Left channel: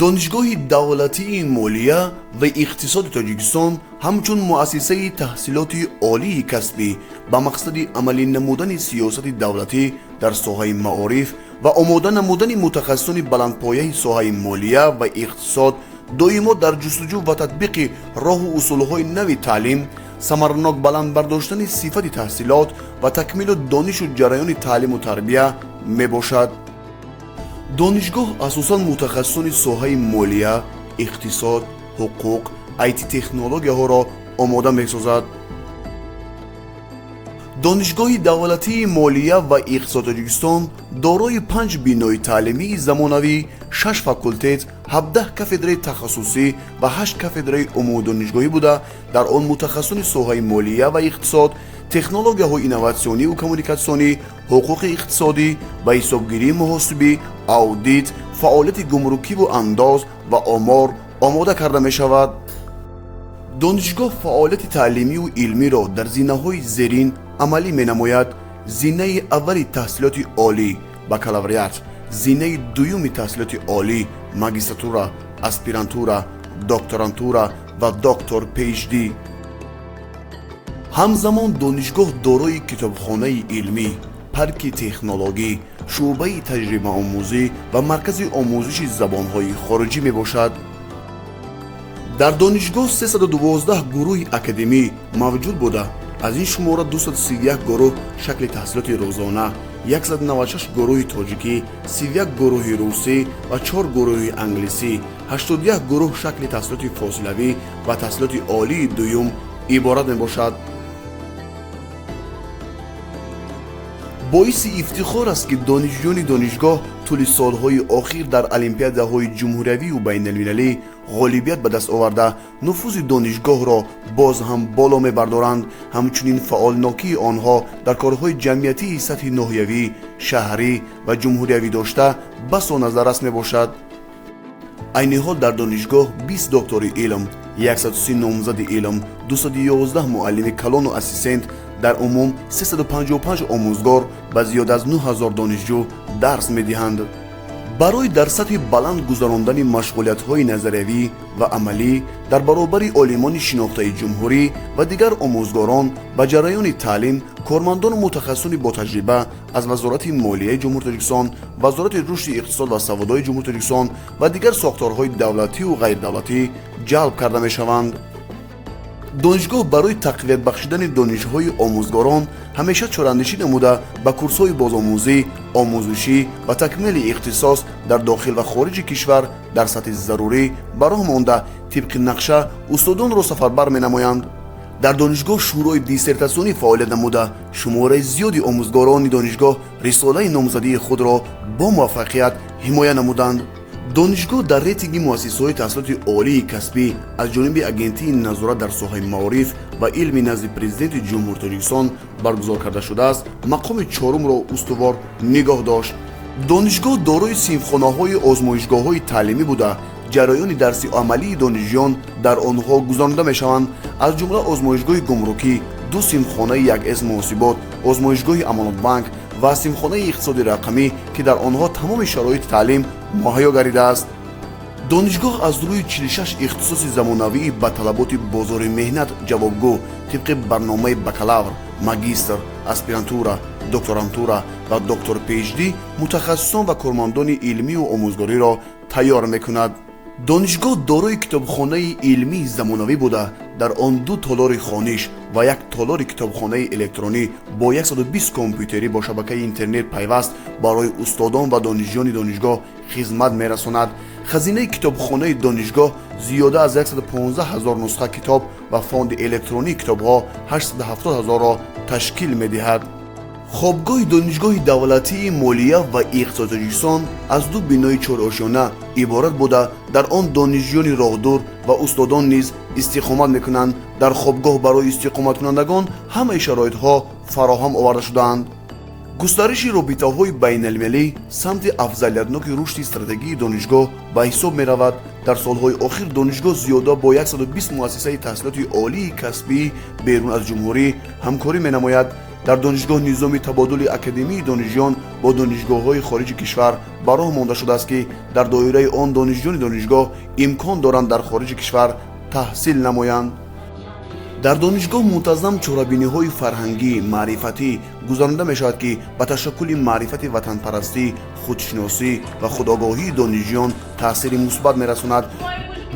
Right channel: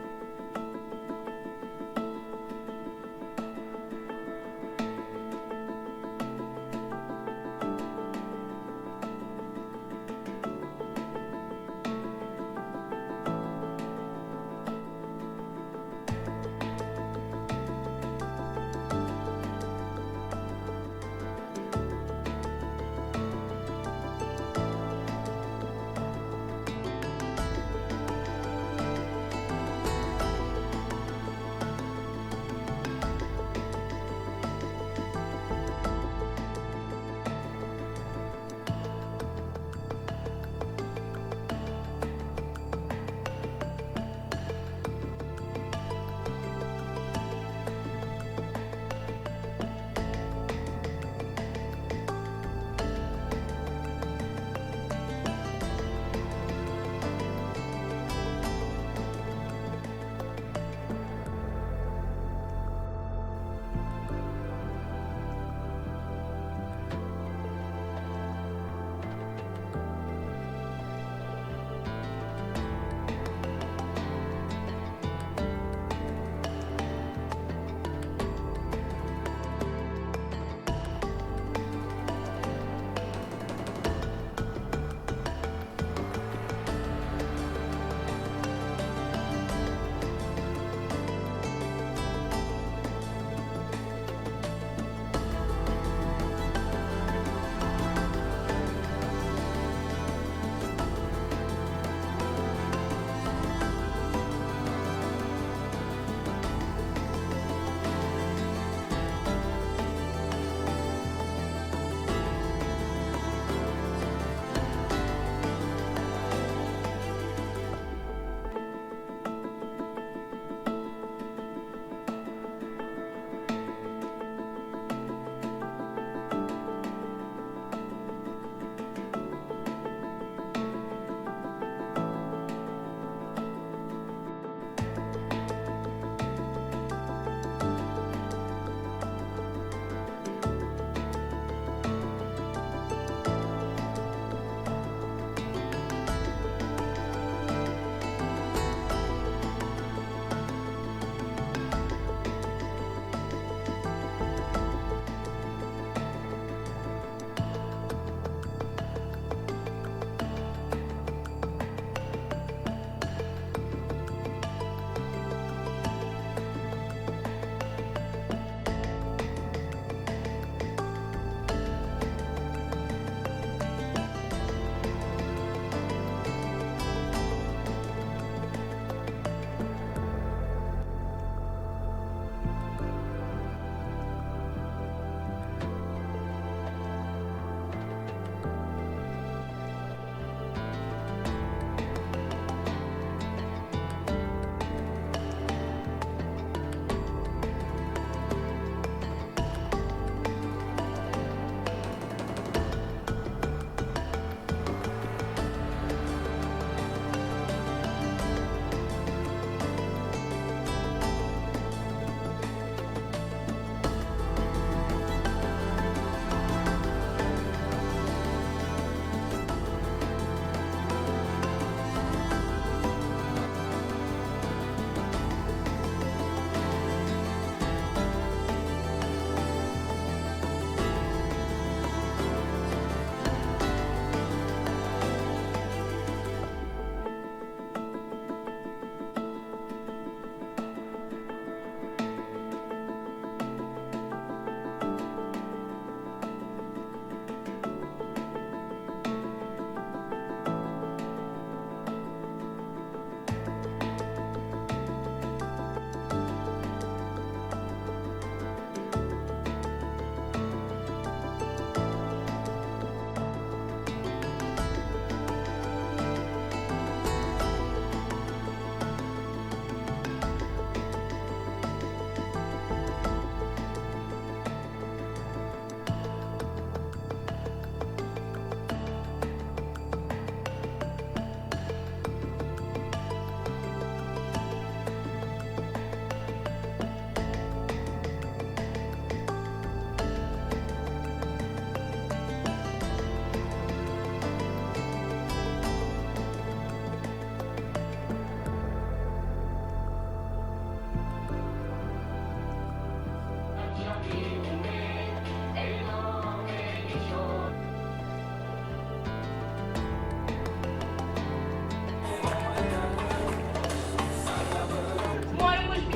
دانشگاه دولتی مالیه و اقتصاد تاجیکستان همچون مؤسسه تحصیلات عالی کسبی با مقصد عملی نمودن سیاست دولتی در ساحه معارف و آماده نمودن متخصصان بلندپایه ساحه مالیه و اقتصاد دائما در جستجو و تطبیق راه و اصولهای نوی تعلیم، ثمرناک بلند برداشتن صفت تحصیلات و تکمیل دانش و جریان تعلیم و تربیه می باشد. دانشگاه اساساً متخصصان ساحه مالیه، اقتصاد، حقوق، ایتی تکنولوژی ها را آماده می سازد. دانشگاه دولتی مالیه و اقتصاد تاجیکستان دارای 5 بینای تعلیمی زمانوی، 6 فاکولتت، 17 کافدره تخصصی و 8 کافدره عمومی دانشگاهی بوده در آن متخصصان ساحه مالیه و اقتصاد، تکنولوژی های اینواسیونی و کمونیکاسیونی، حقوق اقتصادی و حسابگیری محاسبی، اودیت، فعالیت گمرکی و انداز و آمار آماده کرده می شود. دانشگاه فعالیت تعلیمی و علمی را در زینه‌های زیرین عملی می نماید: زینه اولی تحصیلات عالی بکالوریات، زینه دومی تحصیلات عالی ماگیستراتورا، اسپیرانتورا، دکترانتورا و دکتر PhD. همزمان دانشگاه دارای کتابخانه علمی، پارک تکنولوژی، شعبه تجربه آموزی و مرکز آموزش زبان‌های خارجی می باشد. در دانشگاه 312 گروه اکادمی موجود بوده. از این شماره 231 گروه شکل تحصیلات روزانه، 196 گروه تاجیکی، 31 گروه روسی و 4 گروه انگلیسی، 81 گروه شکل تحصیلات فاصلوی و تحصیلات عالی دوم عبارت می باشد. باعث افتخار است که دانشجویان دانشگاه طول سالهای اخیر در المپیادهای جمهوری و بین المللی غالبیت به دست آورده نفوذ دانشگاه را باز هم بالا می‌بردارند. همچنین فعالناکی آنها در کارهای جمعیتی سطح ناحیوی، شهری و جمهوری داشته بس نظر است میباشد. عین حال در دانشگاه 20 دکتر علم، 130 نامزد علم، 211 معلم کلان و اسیستنت، در عموم 355 آموزگار و زیاد از 9000 دانشجو درس می‌دهند. برای در سطح بلند گذراندن مشغولیت‌های نظریوی و عملی در برابر عالمان شناخته جمهوری و دیگر آموزگاران و جریان تعلیم، کارمندان متخصصان با تجربه از وزارت مالیه جمهوری تاجیکستان، وزارت رشد اقتصاد و سوادای جمهوری تاجیکستان و دیگر ساختارهای دولتی و غیر دولتی جلب کرده می‌شوند. دانشگاه برای تقویت بخشیدن دانش‌های آموزگاران همیشه چاره‌اندیشی نموده به کورس‌های بازآموزی، آموزشی و تکمیل اختصاص در داخل و خارج کشور در سطح ضروری براه مانده طبق نقشه استادان را سفربر می‌نمایند. در دانشگاه شورای دیسرتاسیونی فعالیت نموده شماره زیادی آموزگاران دانشگاه رساله نامزدی خود را با موفقیت حمایت نمودند. دانشگاه در ریتینگ مؤسسه‌های تحصیلات عالی کسبی از جانب اگنتی نظارت در ساحه معارف و علمی نزد پرزیدنت جمهوری تاجیکستان برگزار کرده شده است مقام چهارم را استوار نگاه داشت. دانشگاه دارای صنفخانه‌های آزمایشگاه‌های تعلیمی بوده. جریان درسی عملی دانشجویان در آنها گذرانده می‌شوند. از جمله آزمایشگاه گمرکی، 2 صنفخانه 1S محاسبات، آزمایشگاه امانات بانک و صنفخانه اقتصاد رقمی که در آنها تمام شرایط تعلیم مهیا گردیده است. دانشگاه از روی 46 اختصاص زمانوی به طلبات بازار مهنت جوابگو طبق برنامه بکالور، ماگیستر، اسپیرانتورا، دکترانتورا و دکتر PhD متخصصان و کارمندان علمی و آموزگاری را تیار می‌کند. دانشگاه دارای کتابخانه علمی زمانوی بوده. در آن 2 تالار خوانش و 1 تالار کتابخانه الکترونی با 120 کامپیوتری با شبکه اینترنت پیوست برای استادان و دانشجویان دانشگاه خدمت می‌رساند. خزینه کتابخانه دانشگاه زیاده از 115,000 نسخه کتاب و فاند الکترونی کتاب‌ها 870,000 را تشکیل می‌دهد. خوابگاه دانشگاه دولتی مالیه و اقتصاد تاجیکستان از 2 بینای 4 آشیانه عبارت بوده. در آن دانشجویان راهدور و استادان نیز استقامت میکنند. در خوابگاه برای استقامت کنندگان همه شرایط‌ها فراهم آورده شده‌اند. گسترش رابطه‌های بین المللی سمت افضلیتناک رشد استراتژی دانشگاه به حساب می‌رود. در سالهای اخیر دانشگاه زیاده با 120 مؤسسه تحصیلات عالی کسبی بیرون از جمهوری همکاری می‌نماید. در دانشگاه نظام تبادل اکادمی دانشجویان با دانشگاه‌های خارج کشور бароҳ монда шудааст ки дар доираи он донишҷӯёни донишгоҳ имкон доранд дар хориҷи кишвар таҳсил намоянд. дар донишгоҳ мунтазам чорабиниҳои фарҳангӣ, маърифатӣ гузаронида мешавад ки ба ташаккули маърифати ватанпарастӣ, худшиносӣ ва худогоҳии донишҷӯён таъсири мусбат мерасонад.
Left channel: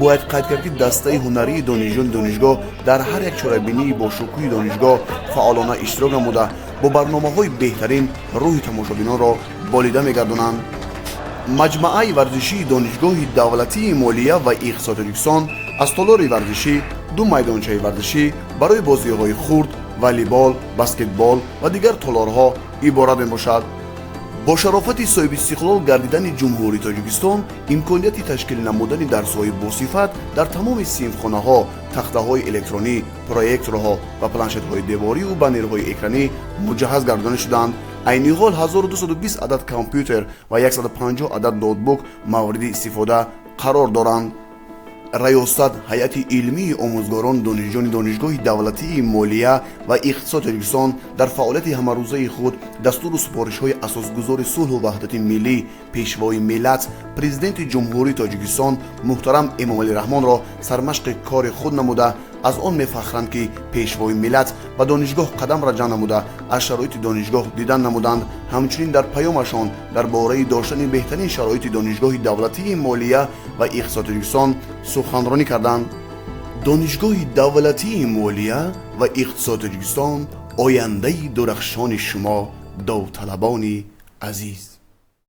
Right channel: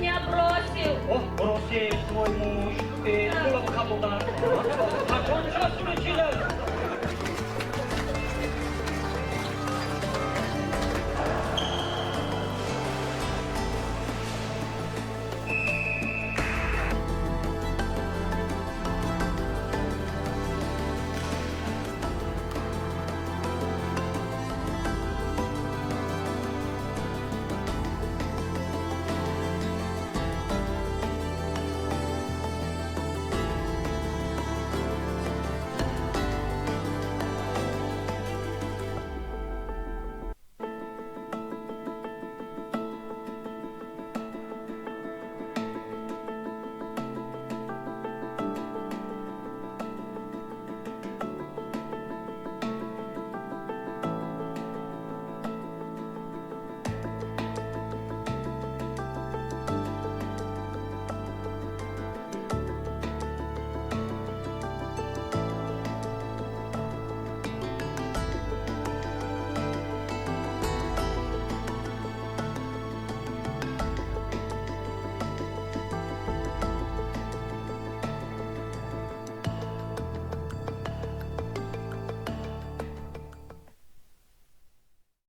бояд қайд кард ки дастаи ҳунарии донишҷӯёни донишгоҳ дар ҳар як чорабинии бошукӯҳи донишгоҳ фаъолона иштирок намуда бо барномаҳои беҳтарин рӯҳи тамошобинонро болида мегардонанд. маҷмаъаи варзишии донишгоҳи давлатии молия ва иқтисоди Тоҷикистон аз толори варзишӣ, 2 майдончаи варзишӣ барои бозиҳои хурд, волейбол, баскетбол ва дигар толорҳо иборат мебошад. бо шарофати соҳиби истиқлол гардидани ҷумҳурии Тоҷикистон имконияти ташкил намудани дарсҳои босифат дар тамоми синфхонаҳо, тахтаҳои электронӣ, проекторҳо ва планшетҳои девориву баннерҳои экранӣ муҷаҳҳаз гардонида шуданд. айни ҳол 1220 адад компютер ва 150 адад ноутбук мавриди истифода қарор доранд. раёсат ҳайати илмии омӯзгорони донишҷӯёни донишгоҳи давлатии молия ва иқтисоди Тоҷикистон дар фаъолияти ҳамарӯзаи худ дастуру супоришҳои асосгузори сулҳу ваҳдати миллӣ, пешвои миллат, президенти ҷумҳурии Тоҷикистон муҳтарам Эмомалӣ Раҳмонро сармашқи кори худ намуда, аз он мефахранд ки пешвои миллат ба донишгоҳ қадам раҷа намуда аз шароити донишгоҳ дидан намуданд. ҳамчунин дар паёмашон дар бораи доштани беҳтарин шароити донишгоҳи давлатии молия ва иқтисоди Тоҷикистон суханронӣ карданд. донишгоҳи давлатии молия ва иқтисоди Тоҷикистон ояндаи дурахшони шумо довталабони азиз.